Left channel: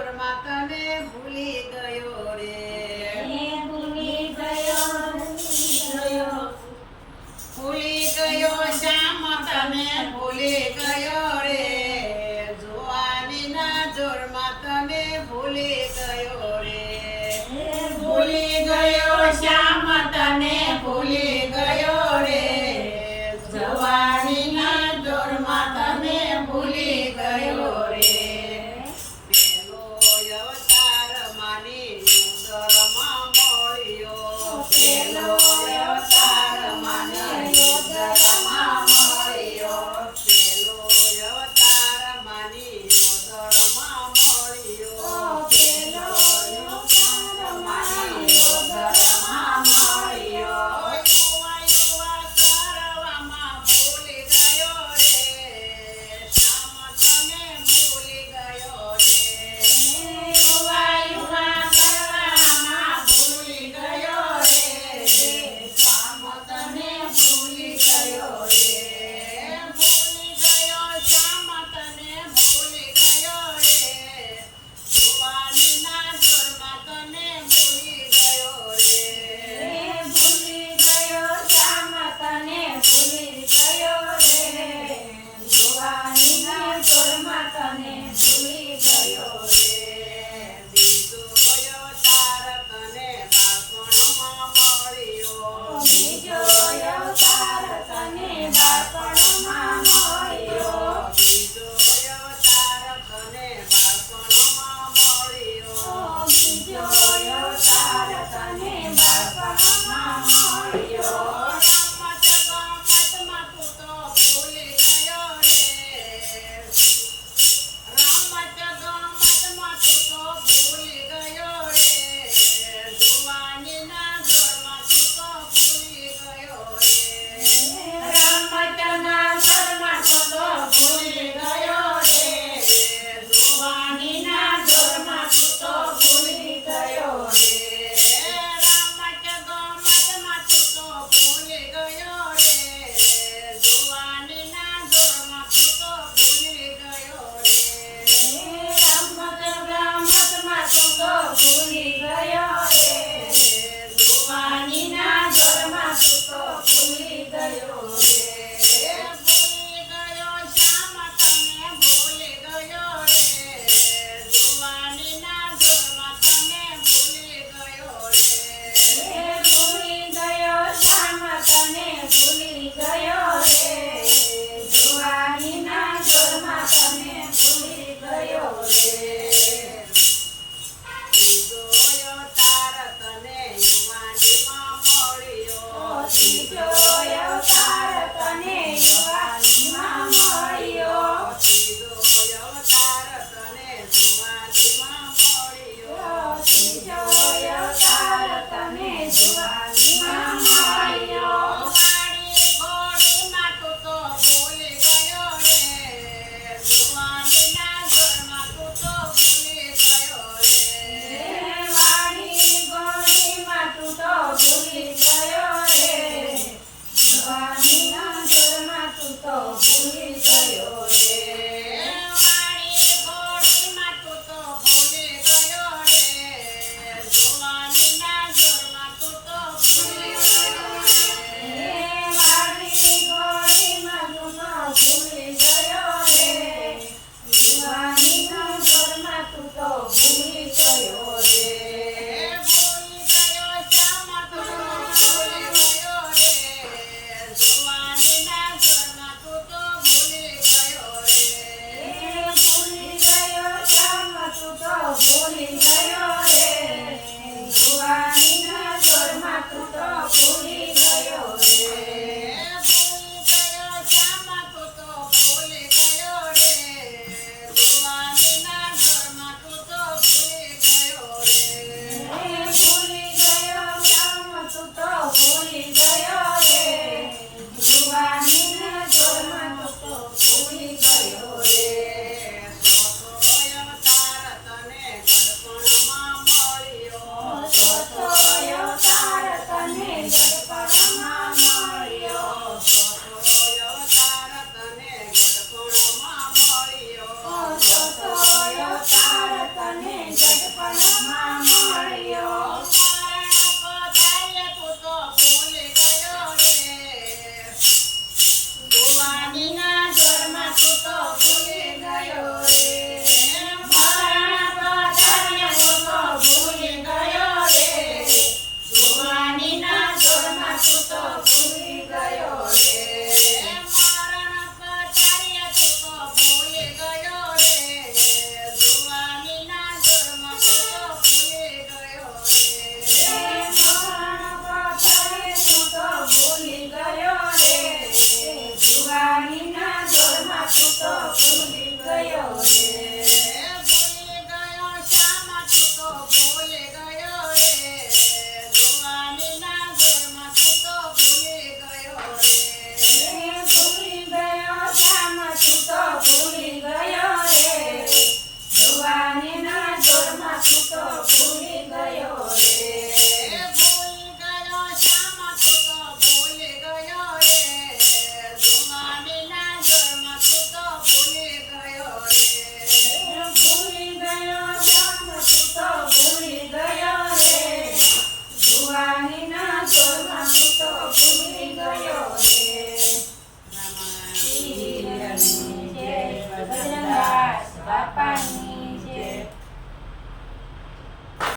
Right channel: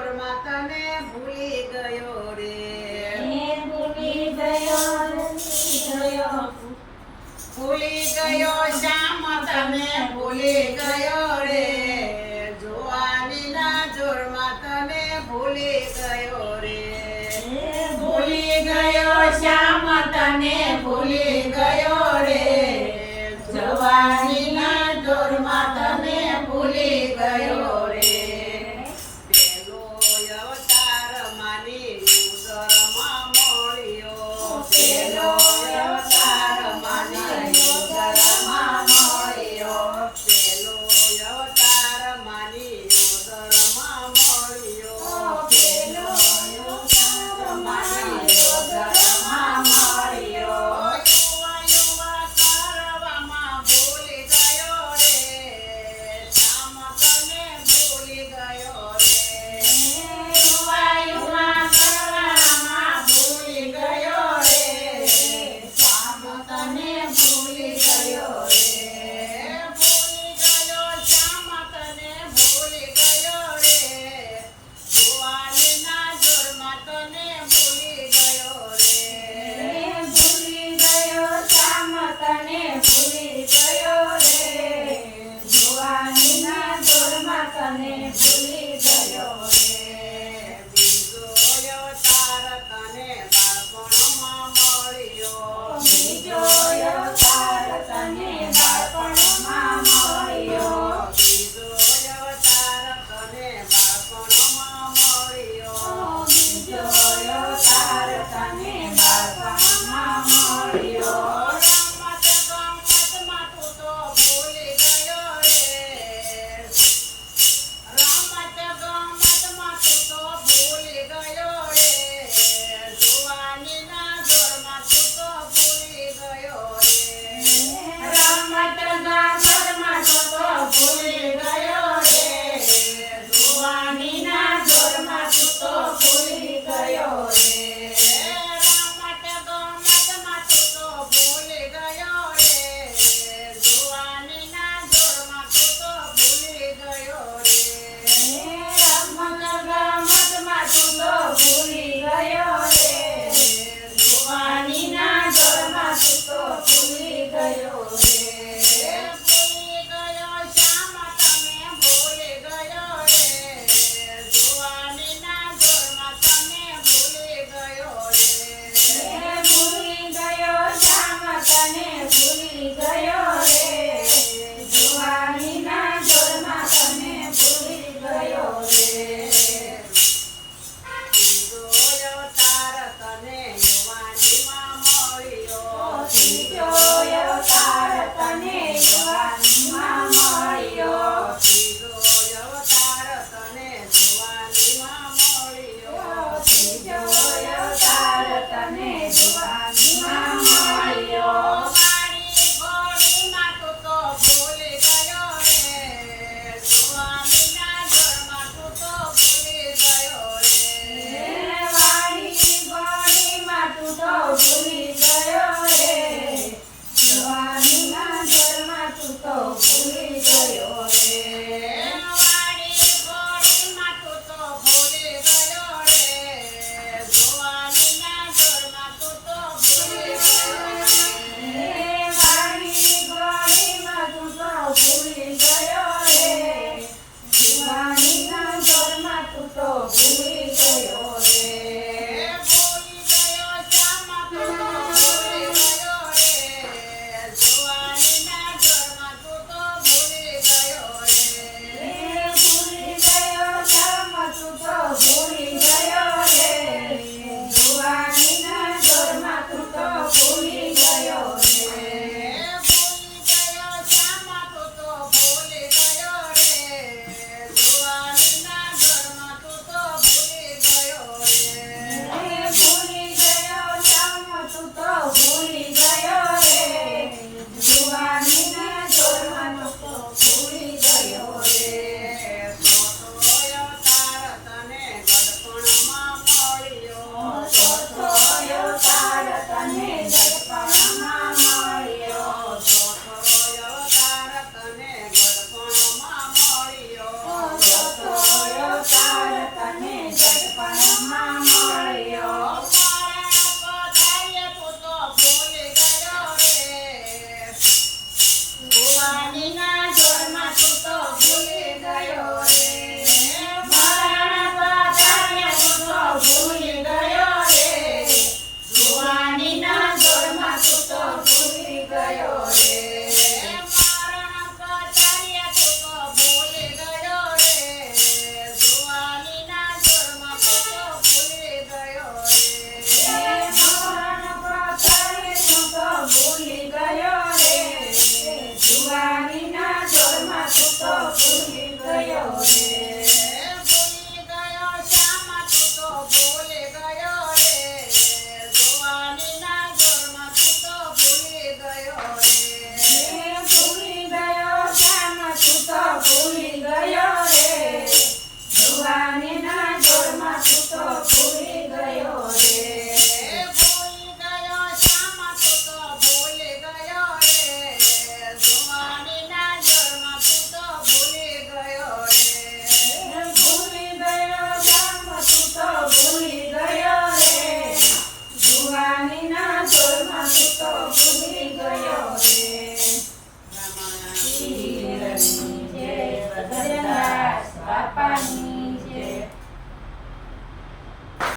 ચોરમાં તને ભૂલી ગયો રે. ભૂલી ગયો ભૂલી ગયો શ્યામ તને ભૂલી Bye.